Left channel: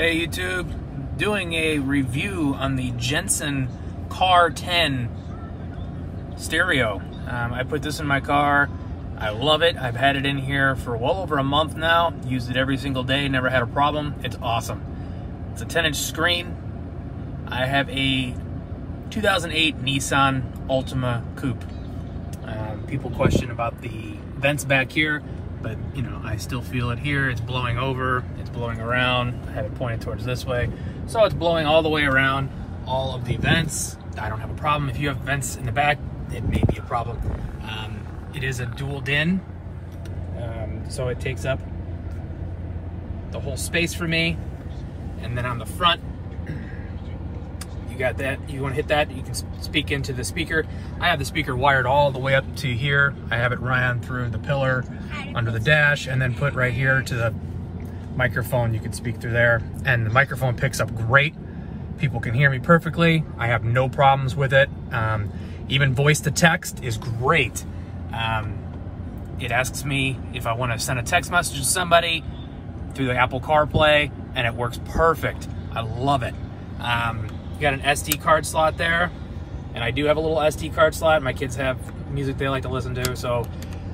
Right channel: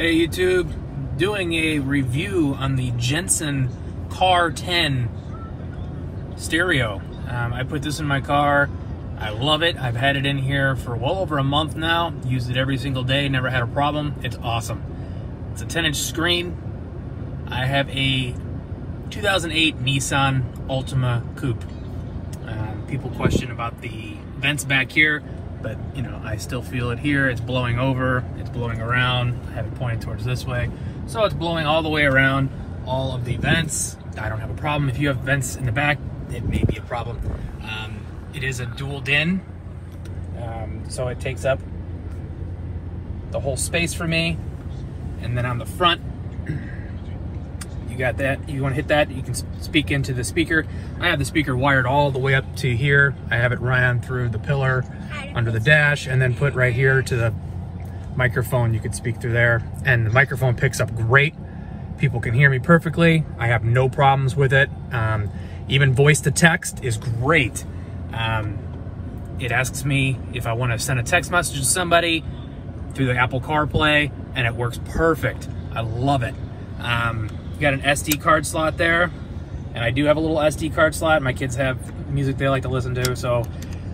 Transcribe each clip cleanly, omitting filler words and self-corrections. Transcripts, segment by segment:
Hey YouTube, doing a review on the Jensen Car10 stereo. I put this in my car. I love it. I've had it in here for well over a month now. Used it every single day, never had a problem. It's awesome. It's a 10-inch screen. I have a 2008 Nissan Altima Coupe. People question about the vents back here, but you know, I still feel it here. It's blowing over, it's blowing around. I have it pointed towards this way. So it's blowing all the way around all of the vents. I don't have a problem. If you have vents in the back, it may be a problem. It is a dual DIN, so it takes up the whole space for me. And then on the front, you got that. You want to hit that, you can speak into the speaker. I have the speaker wired all the way up to here. I have it ran through the pillar under the dash and then put right here to the microphone. You can speak through there, and the microphone picks up great. People can hear me perfectly. I have no problems with it. Even voice to text is great. It asks me if I want to send a text message to somebody through the Apple CarPlay, and it works perfect. I love it. You got an SD card slot there, and I do have a little SD card slot. My kids have music they like to listen to, so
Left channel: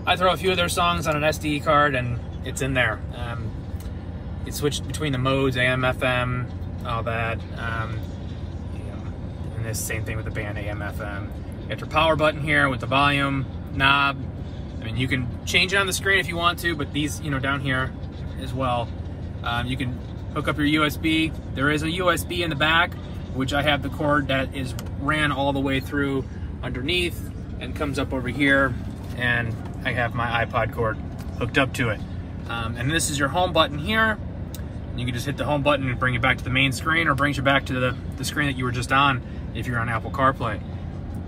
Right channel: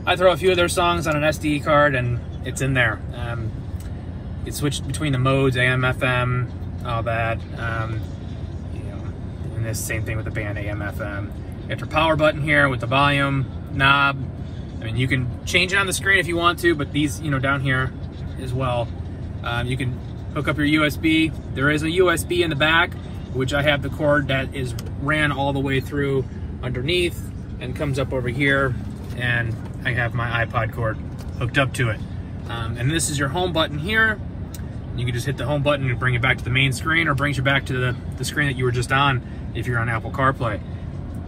I throw a few of their songs on an SD card and it's in there. You switch between the modes, AM, FM, all that. You know, and this same thing with the band, AM, FM. You got your power button here with the volume knob. I mean, you can change it on the screen if you want to, but these, you know, down here as well. You can hook up your USB. There is a USB in the back, which I have the cord that is ran all the way through underneath and comes up over here, and I have my iPod cord hooked up to it. And this is your home button here. You can just hit the home button and bring it back to the main screen, or brings you back to the screen that you were just on if you're on Apple CarPlay.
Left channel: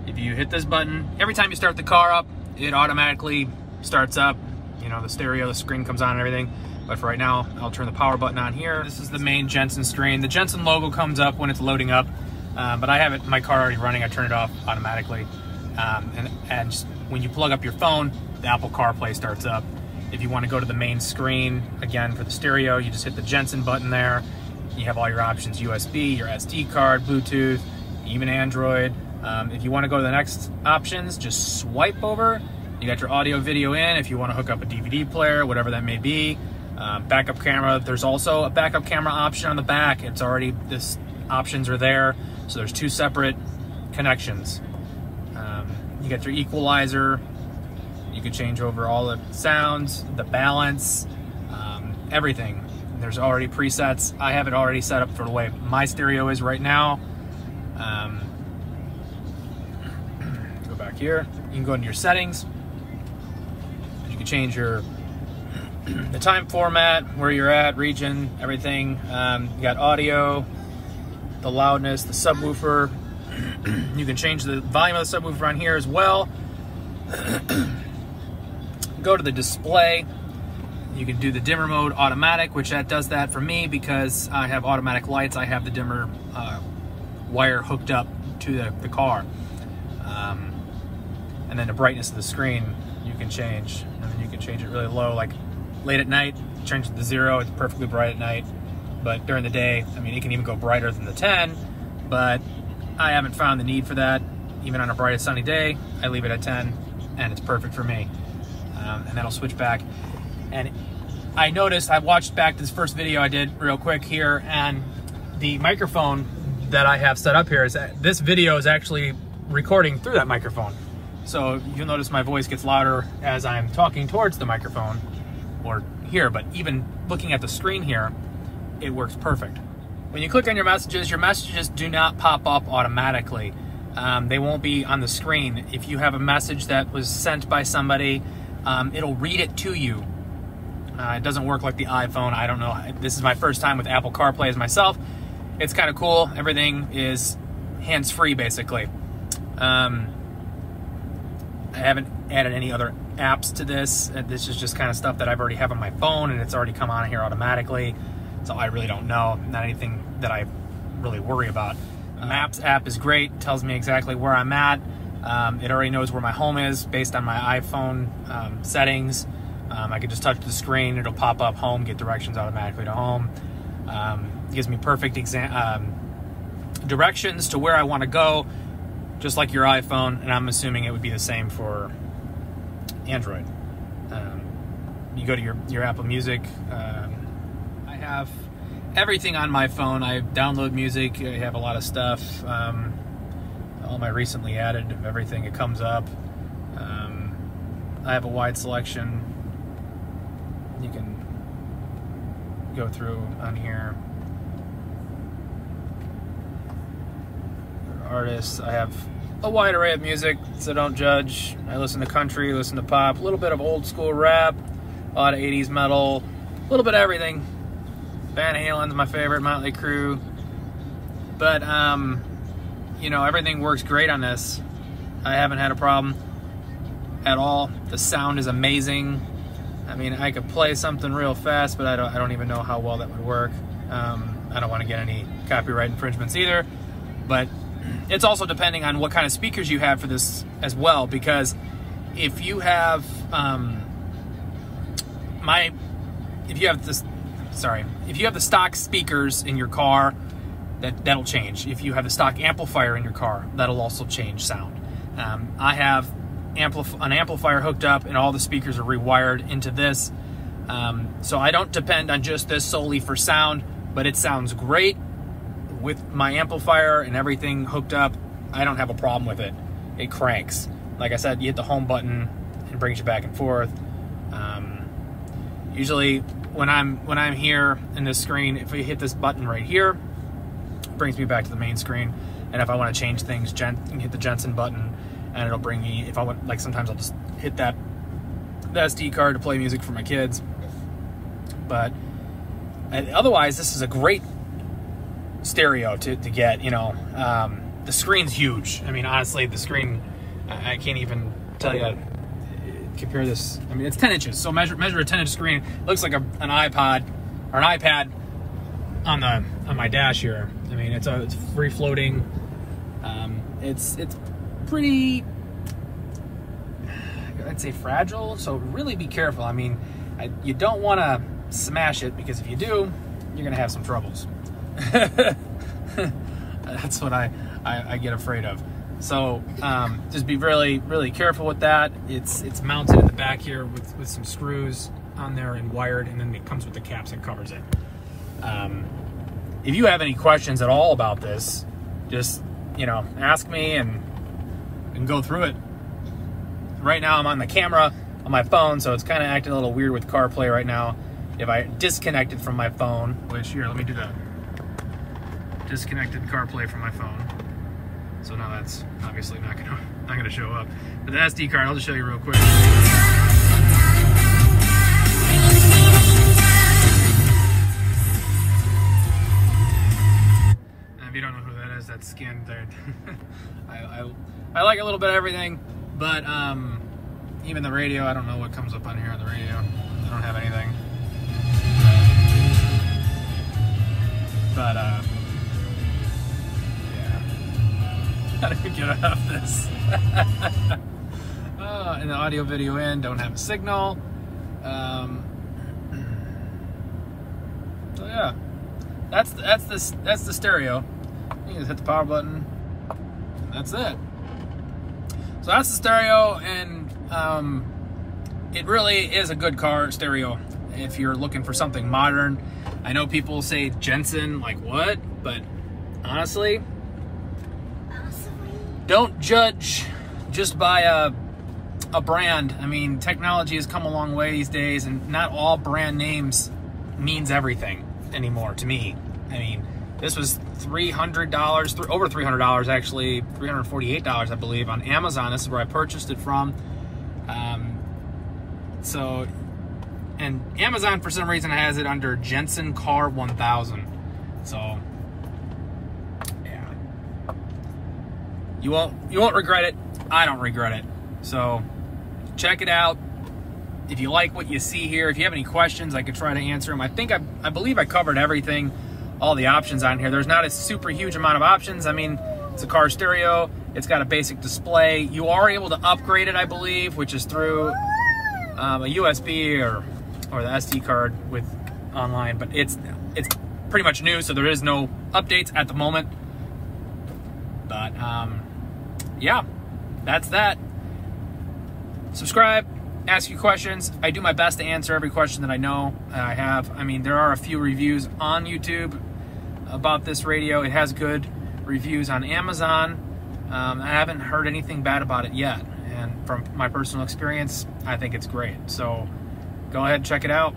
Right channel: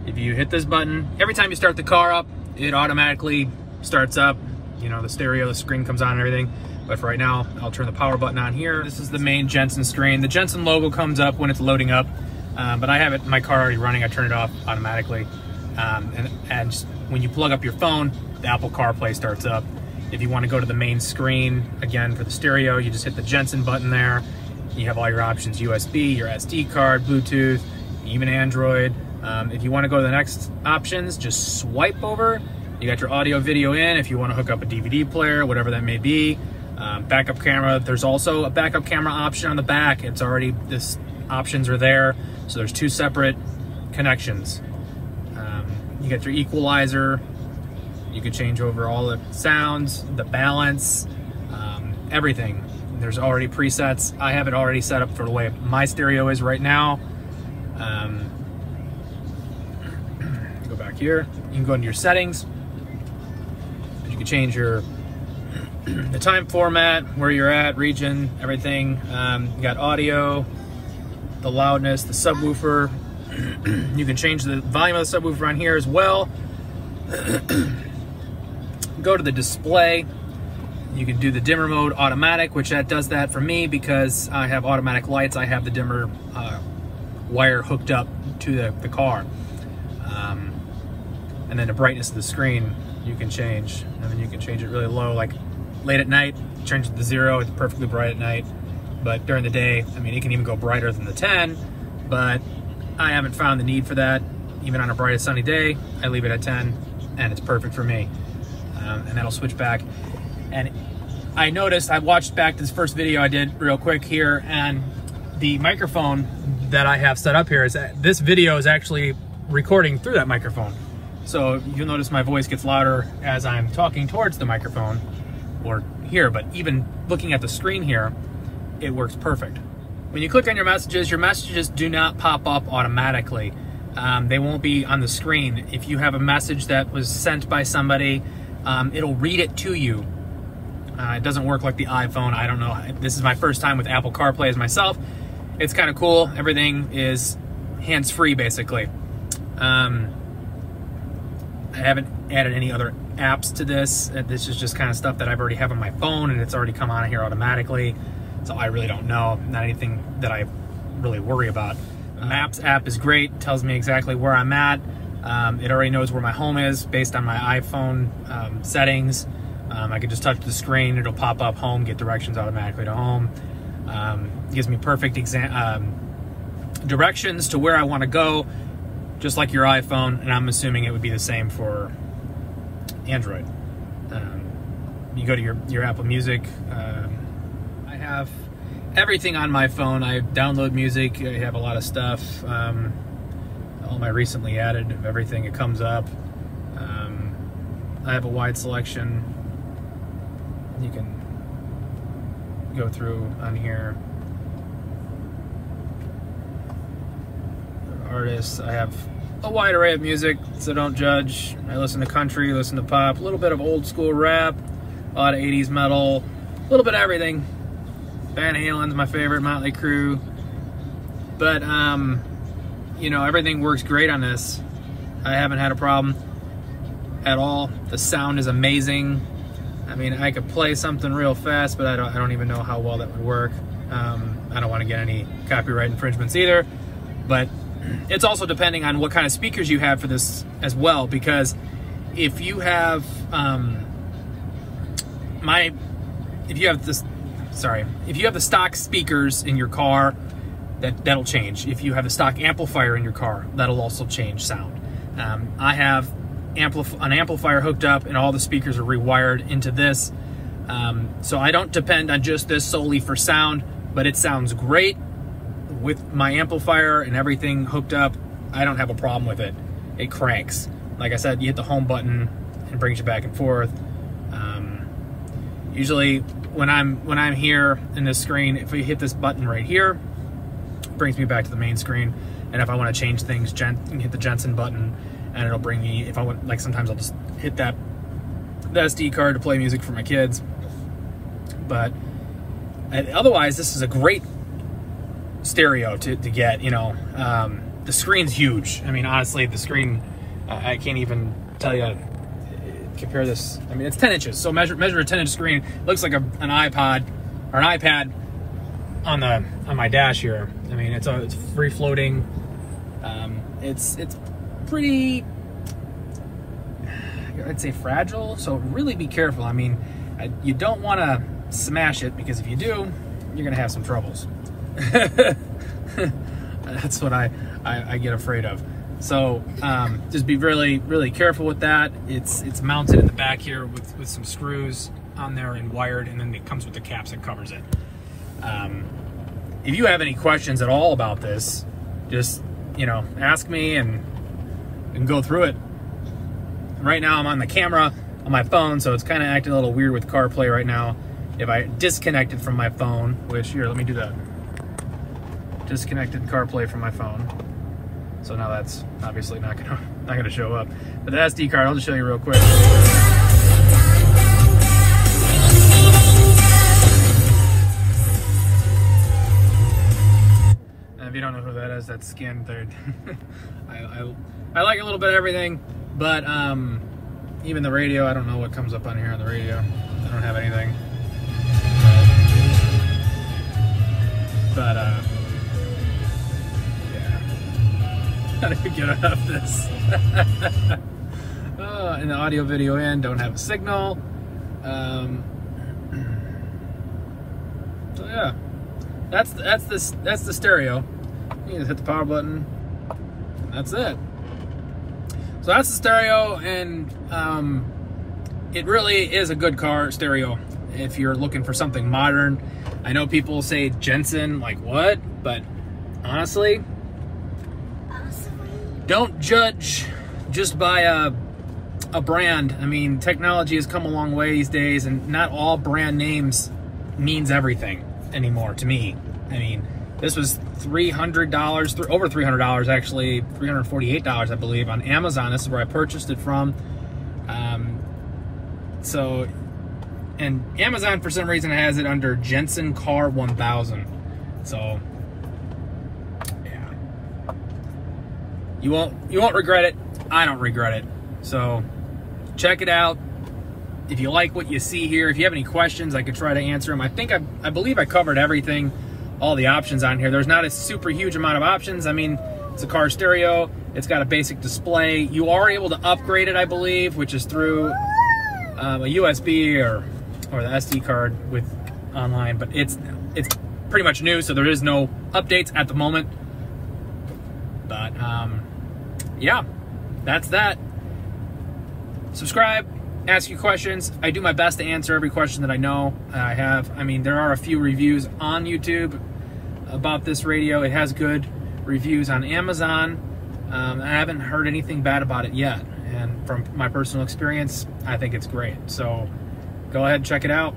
If you hit this button, every time you start the car up, it automatically starts up. You know, the stereo, the screen comes on and everything. But for right now, I'll turn the power button on here. This is the main Jensen screen. The Jensen logo comes up when it's loading up, but I have it, my car already running. I turn it off automatically. And when you plug up your phone, the Apple CarPlay starts up. If you want to go to the main screen, again, for the stereo, you just hit the Jensen button there. You have all your options: USB, your SD card, Bluetooth, even Android. If you want to go to the next options, just swipe over. You got your audio video in. If you want to hook up a DVD player, whatever that may be. Backup camera, there's also a backup camera option on the back. It's already, this options are there. So there's two separate connections. You get your equalizer. You can change over all the sounds, the balance, everything. There's already presets. I have it already set up for the way my stereo is right now. Go back here. You can go into your settings. You can change your the time format, where you're at, region, everything. You got audio, the loudness, the subwoofer. You can change the volume of the subwoofer on here as well. Go to the display. You can do the dimmer mode automatic, which that does that for me because I have automatic lights. I have the dimmer wire hooked up to the car. And then the brightness of the screen you can change. And then you can change it really low, like late at night, turns it to 0, it's perfectly bright at night. But during the day, I mean, it can even go brighter than the 10, but I haven't found the need for that. Even on a bright sunny day, I leave it at 10, and it's perfect for me. And then I'll switch back. And I noticed, I watched back this first video I did real quick here, and the microphone that I have set up here is that this video is actually recording through that microphone. So you'll notice my voice gets louder as I'm talking towards the microphone or here, but even looking at the screen here, it works perfect. When you click on your messages do not pop up automatically. They won't be on the screen. If you have a message that was sent by somebody, it'll read it to you. It doesn't work like the iPhone. I don't know. This is my first time with Apple CarPlay as myself. It's kind of cool. Everything is hands-free, basically. I haven't added any other apps to this. This is just kind of stuff that I've already have on my phone, and it's already come on here automatically. So I really don't know. Not anything that I really worry about. The Maps app is great. It tells me exactly where I'm at. It already knows where my home is based on my iPhone settings. I can just touch the screen. It'll pop up home, get directions automatically to home. gives me perfect directions to where I want to go, just like your iPhone, and I'm assuming it would be the same for Android. You go to your Apple Music. I have everything on my phone. I download music. I have a lot of stuff. All my recently added of everything, it comes up. I have a wide selection. You can go through on here. Artists. I have a wide array of music, so don't judge. I listen to country, listen to pop, a little bit of old school rap, a lot of 80s metal, a little bit of everything. Van Halen's my favorite, Motley Crue. But, you know, everything works great on this. I haven't had a problem at all. The sound is amazing. I mean, I could play something real fast, but I don't even know how well that would work. I don't want to get any copyright infringements either. But it's also depending on what kind of speakers you have for this as well, because if you have if you have the stock speakers in your car, that'll change. If you have a stock amplifier in your car, that'll also change sound. I have an amplifier hooked up, and all the speakers are rewired into this, so I don't depend on just this solely for sound, but it sounds great with my amplifier and everything hooked up. I don't have a problem with it. It cranks. Like I said, you hit the home button and it brings you back and forth. Usually when I'm here in this screen, if we hit this button right here, it brings me back to the main screen. And if I want to change things, hit the Jensen button, and it'll bring me, if I want, like sometimes I'll just hit the SD card to play music for my kids. But otherwise, this is a great stereo to get, you know. The screen's huge. I mean, honestly, the screen, I can't even tell you, compare this. I mean, it's 10 inches, so measure a 10-inch screen. It looks like an iPod or an iPad on my dash here. I mean, it's free floating. It's pretty, I'd say, fragile, so really be careful. I mean, you don't want to smash it, because if you do, you're gonna have some troubles. That's what I get afraid of. So just be really, really careful with that. It's mounted in the back here with some screws on there and wired, and then it comes with the caps that covers it. If you have any questions at all about this, just, you know, ask me and go through it. Right now I'm on the camera on my phone, so it's kind of acting a little weird with CarPlay right now. If I disconnected from my phone, which, here, let me do that. Disconnected CarPlay from my phone. So now that's obviously not gonna show up. But the SD card, I'll just show you real quick. And if you don't know who that is, that's Skin Third. I like a little bit of everything, but even the radio, I don't know what comes up on here on the radio. I don't have anything. But yeah. How do we get out of this? And the audio video in, don't have a signal. So yeah, that's the stereo. You just hit the power button. That's it. So that's the stereo, and it really is a good car stereo if you're looking for something modern. I know people say Jensen, like what? But honestly, don't judge just by a brand. I mean, technology has come a long way these days, and not all brand names means everything anymore to me. I mean, this was $300, over $300 actually, $348 I believe on Amazon. This is where I purchased it from. So, and Amazon for some reason has it under Jensen Car1000. So, yeah, you won't regret it. I don't regret it. So, check it out. If you like what you see here, if you have any questions, I could try to answer them. I believe I covered everything, all the options on here. There's not a super huge amount of options. I mean, it's a car stereo. It's got a basic display. You are able to upgrade it, I believe, which is through a USB or the SD card with online. But it's pretty much new, so there is no updates at the moment. But yeah, that's that. Subscribe, ask your questions. I do my best to answer every question that I know and I have. I mean, there are a few reviews on YouTube about this radio. It has good reviews on Amazon. I haven't heard anything bad about it yet, and from my personal experience, I think it's great. So go ahead and check it out.